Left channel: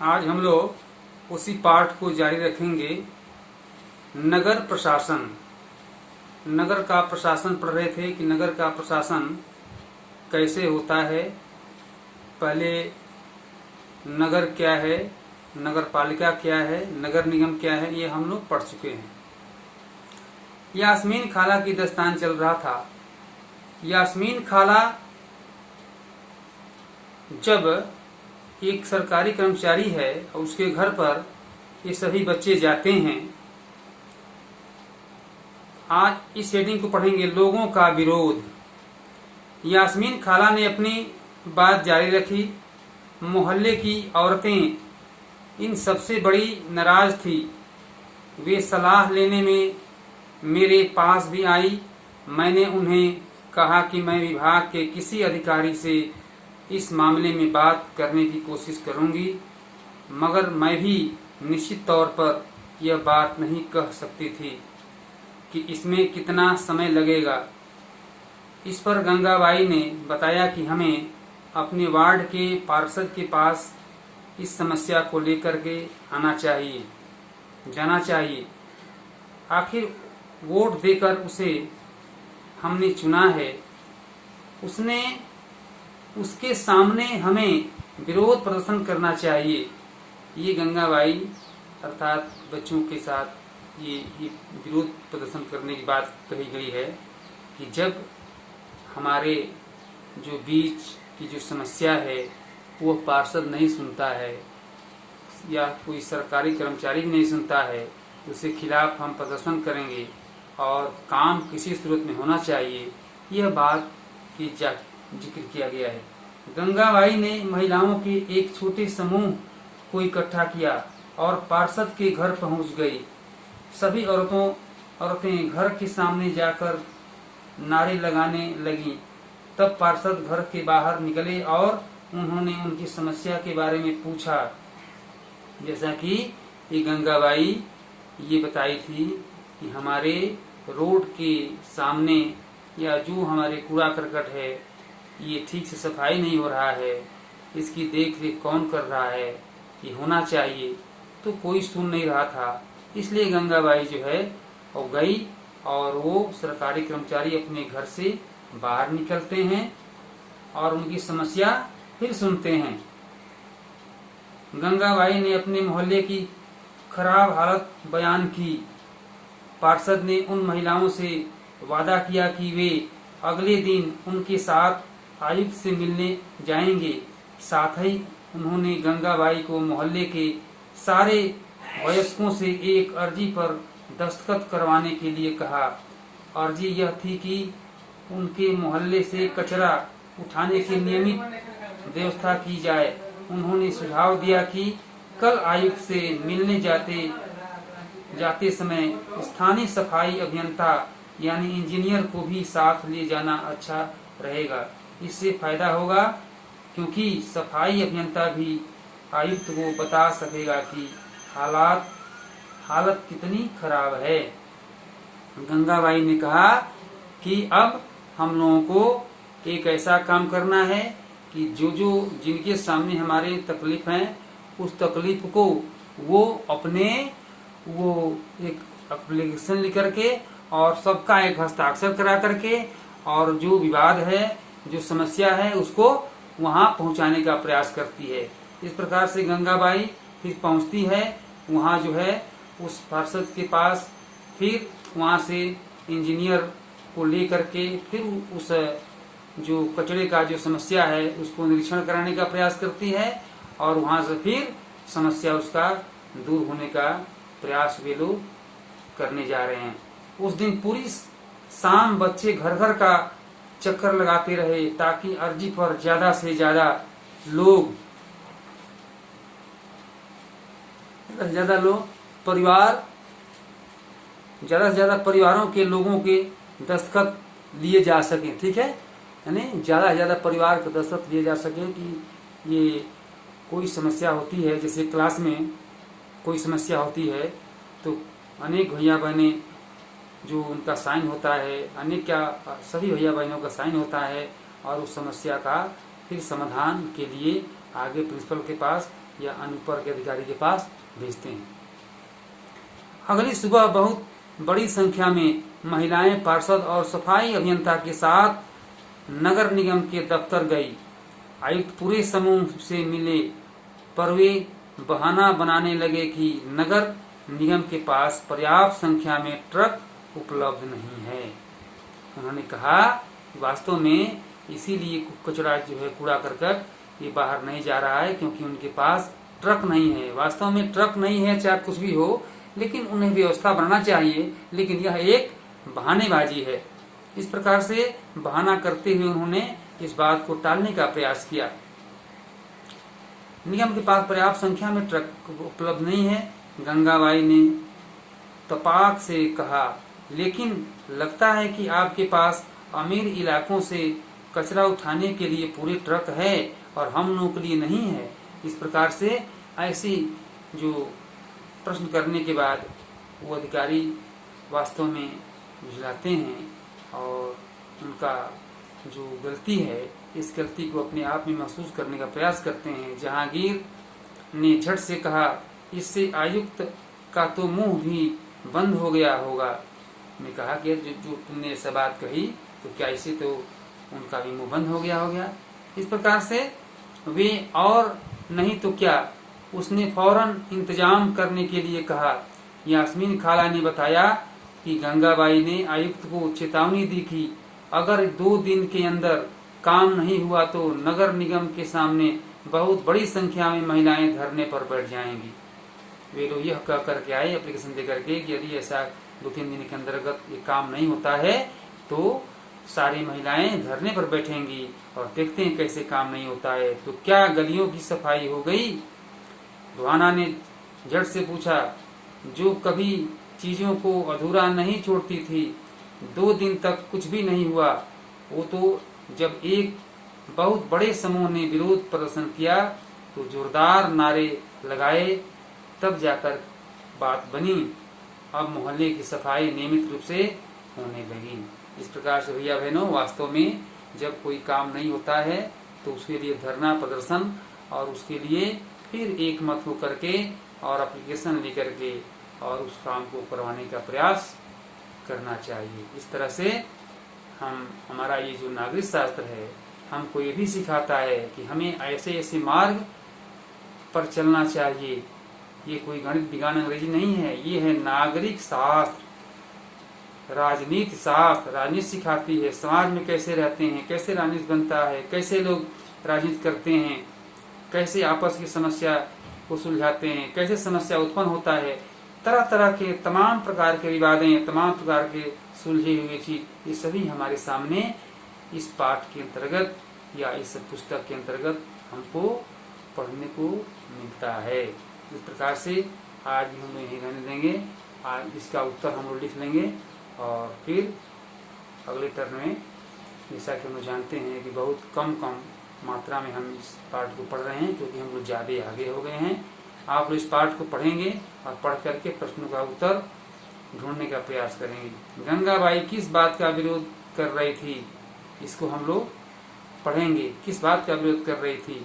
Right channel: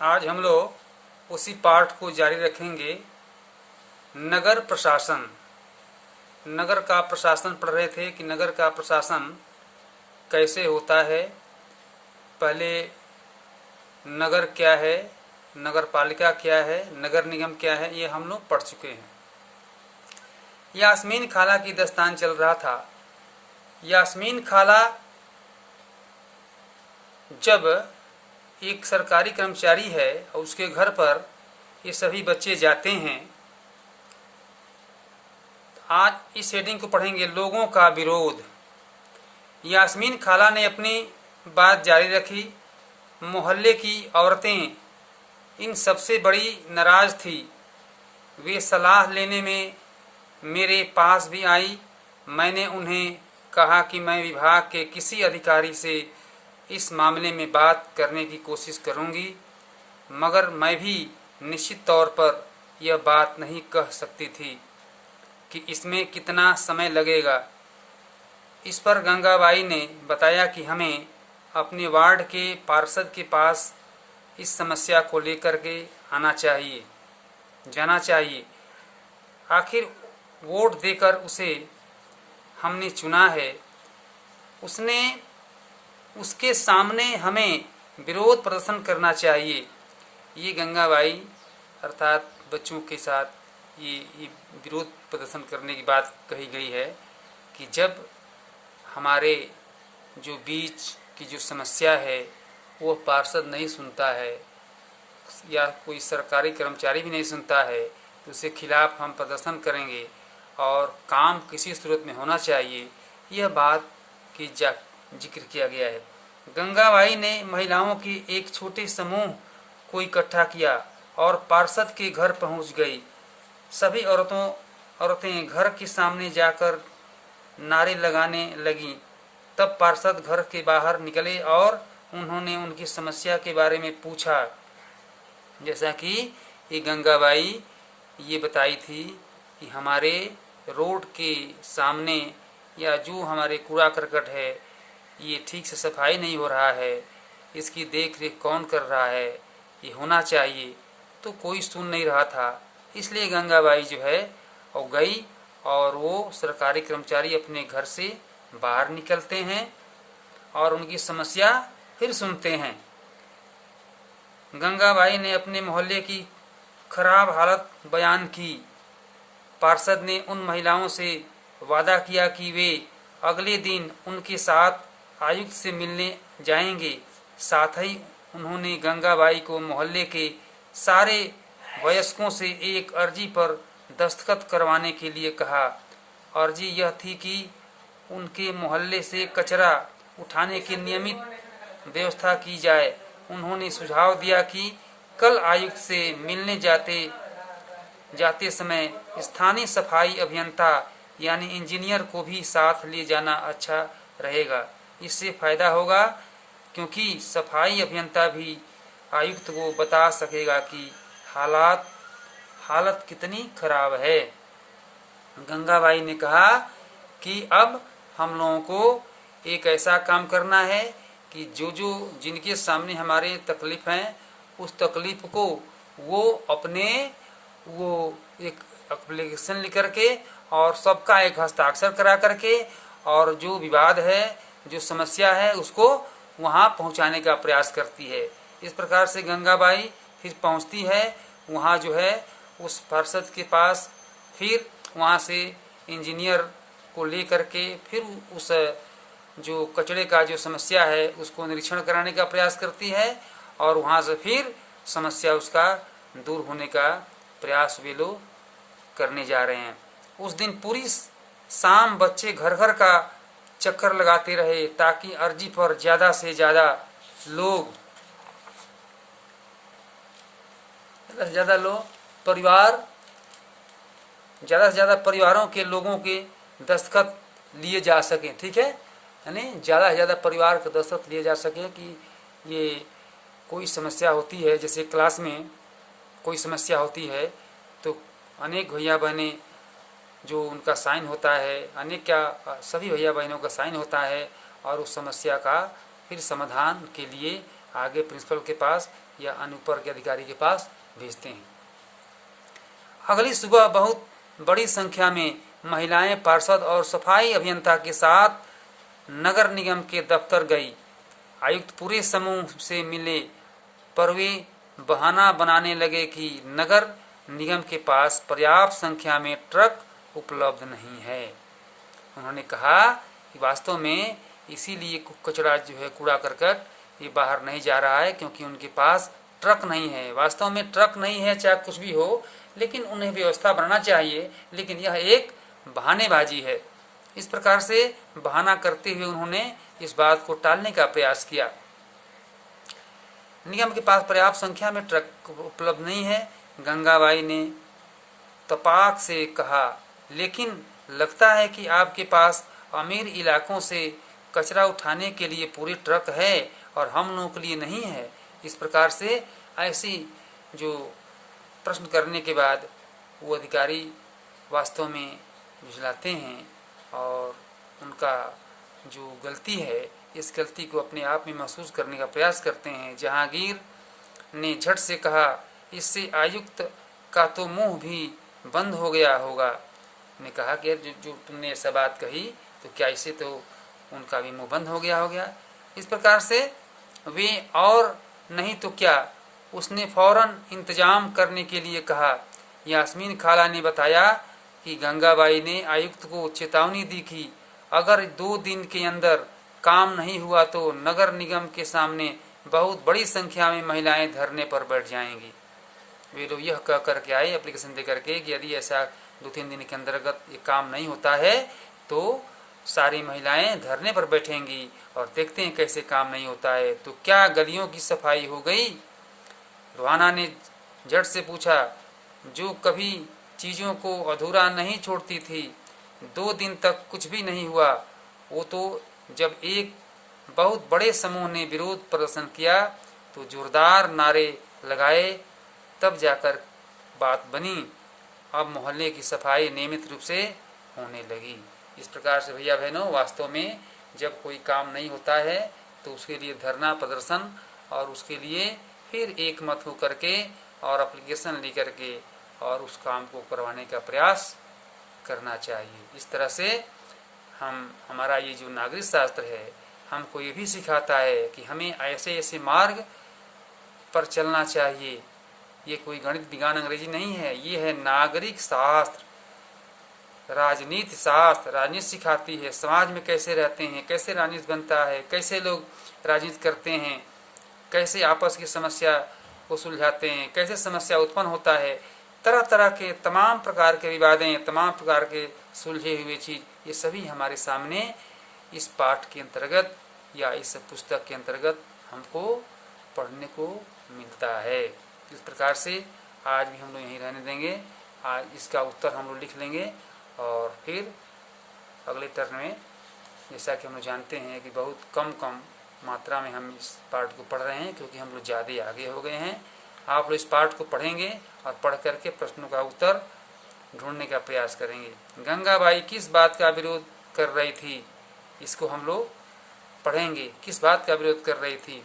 आज हम लोग उसी पाठ को जारी रखेंगे। नगर प्रशासन। नगर का प्रशासन पढ़ रहे थे कि नगर का प्रशासन कैसे होता है। पहले नगर क्या है, नगर पालिका क्या है, नगर निगम क्या है, ये हम लोग पढ़ चुके हैं। यास्मीन खाला की दास्तान चल रहा था। यास्मीन खाला जब एक सरकारी कर्मचारी है और उसके घर पर ये सभी बच्चे जाते हैं। आज इस हेडिंग को पढ़ेंगे, लोगों का विरोध। यास्मीन खाला ने अपनी बात जारी रखी। मोहल्ले की औरतें इन सबसे बड़ी नाराज थी। वे सलाह लेने में मेरे पास भी आई। मैंने उन्हें कहा कि मैं विभाग के किसी अधिकारी से इस मामले में बात करने की कोशिश करूंगी, मगर मैं भी निश्चित तौर पर यह बात नहीं कह सकती थी कि इसमें कितना समय लगेगा। इस पर गंगाबाई ने बताया कि हमें अपने वार्ड के पार्षद के पास इस समस्या को लेकर के जाना चाहिए। आखिर वोट देकर उसे हमने चुना है, उसके सामने हमें विरोध प्रदर्शन करना चाहिए। ये गंगाबाई अर्थात बच्चों के साथ ये विरोध प्रदर्शन करने की बात कही गई है कि जब हमारे जो बीच की जो समस्या है वो पार्षद नहीं सुनता है या कोई सरकारी कर्मचारी भी नहीं सुनता है, तो उसके खिलाफ हम प्रदर्शन करेंगे और काम किसी सूरत में होना चाहिए। यह बात की जिक्र किया गया है। गंगाबाई ने महिलाओं के एक छोटे समूह को इकट्ठा किया और पार्षद के घर पहुंच गई। सभी औरतें घर के सामने जाकर नारे लगाने लगी। तब पार्षद घर के बाहर निकले और उन्होंने उनकी समस्या के बारे में पूछा। जैसा कि ये गंगाबाई ये बताई थी कि हमारे रोड के सामने या जो हमारे कूड़ा करकट है ये ठीक से सफाई नहीं हो रहा है, इसकी देख रेख कौन कर रहा है, ये होना चाहिए। तो कोई सुन नहीं रहा था। इसलिए गंगाबाई जो है वो गई और वो सरकारी कर्मचारी अपने घर से बाहर निकलते हैं और उनकी समस्या फिर सुनते हैं। गंगाबाई ने अपने मोहल्ले की खराब हालत बयान की। पार्षद ने उन महिलाओं से वादा किया कि वे अगले दिन उनके साथ आयुक्त से मिलने जाएंगे। साथ ही उन्होंने गंगाबाई को मोहल्ले के सारे वयस्कों से एक अर्जी पर दस्तखत करवाने के लिए कहा। अर्जी यह थी कि उनके मोहल्ले से कचरा उठाने की नियमित व्यवस्था की जाए। उन्होंने सुझाव दिया कि कल आयुक्त से मिलने जाते समय स्थानीय सफाई अभियंता यानी इंजीनियर को भी साथ ले जाना अच्छा रहेगा। इससे फायदा होगा क्योंकि सफाई अभियंता भी आयुक्त को बता सकेगा कि हालत कितनी खराब है। गंगाबाई ने कहा कि अब हम लोगों को एक ऐसा काम करना है कि जो जिनके सामने हमारे तकलीफ हैं उस तकलीफ को वो एक एप्लीकेशन लिख करके और सबका एक हस्ताक्षर करा करके और जो विवाद है, जो समस्या है, उसको वहाँ पहुँचाने का प्रयास करती है। इस प्रकार से गंगाबाई फिर पहुँचती है वहाँ जो है उस पार्षद के पास। फिर वहाँ से इंजीनियर को ले करके फिर उस जो कचरे का जो समस्या है उसको निरीक्षण कराने का प्रयास करती है और वहाँ से फिर समस्या उसका दूर होने का प्रयास वे लोग करने जा रहे हैं। उस दिन पूरी शाम बच्चे घर घर का चक्कर लगाते रहे ताकि अर्जी पर ज्यादा से ज्यादा परिवारों के लोगों के दस्तखत लिए जा सकें। ठीक है, यानी ज़्यादा से ज़्यादा परिवार के दस्तखत लिए जा सके कि ये कोई समस्या होती है, जैसे क्लास में कोई समस्या होती है तो अनेक भैया बहनें जो उनका साइन होता है, सभी भैया बहनों का साइन होता है और उस समस्या का फिर समाधान के लिए आगे प्रिंसिपल के पास या अन्य ऊपर के अधिकारी के पास भेजते हैं। अगली सुबह बहुत बड़ी संख्या में महिलाएं पार्षद और सफाई अभियंता के साथ नगर निगम के दफ्तर गई। आयुक्त पूरे समूह से मिले, पर वे बहाना बनाने लगे कि नगर निगम के पास पर्याप्त संख्या में ट्रक उपलब्ध नहीं है। उन्होंने कहा कि वास्तव में इसीलिए कचरा जो है, कूड़ा करकट ये बाहर नहीं जा रहा है, क्योंकि उनके पास ट्रक नहीं है। वास्तव में ट्रक नहीं है, चाहे कुछ भी हो, लेकिन उन्हें व्यवस्था बनाना चाहिए, लेकिन यह एक बहानेबाजी है। इस प्रकार से बहाना करते हुए उन्होंने इस बात को टालने का प्रयास किया। निगम के पास पर्याप्त संख्या में ट्रक उपलब्ध नहीं है। गंगाबाई ने तपाक से कहा, लेकिन लगता है कि आपके पास अमीर इलाकों से कचरा उठाने के लिए पूरे ट्रक है और हम लोगों के लिए नहीं है। इस प्रकार से ऐसी जो प्रश्न करने के बाद वो अधिकारी वास्तव में झुलाते हैं और उनका जो गलती है, इस गलती को अपने आप में महसूस करने का प्रयास करते हैं। जहांगीर ने झट से कहा, इससे आयुक्त का तो मुंह भी बंद हो गया होगा। ने कहा कि जो तुमने ऐसा बात कही, तो क्या इससे तो उनका भी मुंह बंद हो गया। इस प्रकार से वे, और नहीं तो क्या, उसने फौरन इंतजाम करने के लिए कहा। यास्मीन खाला ने बताया कि गंगाबाई ने आयुक्त को चेतावनी दी कि अगर 2 दिन के अंदर काम नहीं हुआ तो नगर निगम के सामने बहुत बड़ी संख्या में महिलाएं धरने पर बैठ जाएंगी। वे लोग यह कह करके आए एप्लीकेशन दे करके कि यदि ऐसा 2-3 दिन के अंतर्गत ये काम नहीं होता है तो सारी महिलाएं धरने पर बैठेंगी और देखते हैं कैसे काम नहीं होता है। तो क्या गलियों की सफाई हो गई? रुहाना ने झट से पूछा, जो कभी चीजों को अधूरा नहीं छोड़ती थी। 2 दिन तक कुछ भी नहीं हुआ। वो तो जब एक बहुत बड़े समूह ने विरोध प्रदर्शन किया तो जोरदार नारे लगाए, तब जाकर बात बनी। अब मोहल्ले की सफाई नियमित रूप से होने लगी। इस प्रकार से भैया बहनों, वास्तव में जब कोई काम नहीं होता है तो उसके लिए धरना प्रदर्शन और उसके लिए फिर एक मत हो करके और एप्लीकेशन ले करके और उस काम को करवाने का प्रयास करना चाहिए। इस तरह से हमारा ये जो नागरिक शास्त्र है हमको ये भी सिखाता है कि हमें ऐसे मार्ग पर चलना चाहिए। ये कोई गणित विज्ञान अंग्रेजी नहीं है, ये है नागरिक शास्त्र, राजनीति शास्त्र। राजनीति सिखाती है समाज में कैसे रहते हैं, कैसे राजनीति बनता है, कैसे लोग राजनीति करते हैं, कैसे आपस की समस्या को सुलझाते हैं, कैसे समस्या उत्पन्न होता है। तरह तरह के तमाम प्रकार के विवादें, तमाम प्रकार के सुलझे हुए चीज, ये सभी हमारे सामने इस पाठ के अंतर्गत या इस पुस्तक के अंतर्गत हमको पढ़ने को मिलता है। इस प्रकार से आज भी हम लोग यहीं रहने देंगे। आज इसका उत्तर हम लोग लिख लेंगे और फिर अगले टर्न में, जैसा कि हम लोग जानते हैं कि बहुत कम मात्रा में हम इस पाठ को पढ़ रहे हैं क्योंकि हम लोग ज़्यादा आगे हो गए हैं। आप लोग इस पाठ को पढ़ेंगे और पढ़ करके प्रश्नों का उत्तर ढूंढने का प्रयास करेंगे। गंगाबाई किस बात का विरोध कर रही थी, इसको हम लोग पढ़ेंगे। किस बात का विरोध कर रही थी?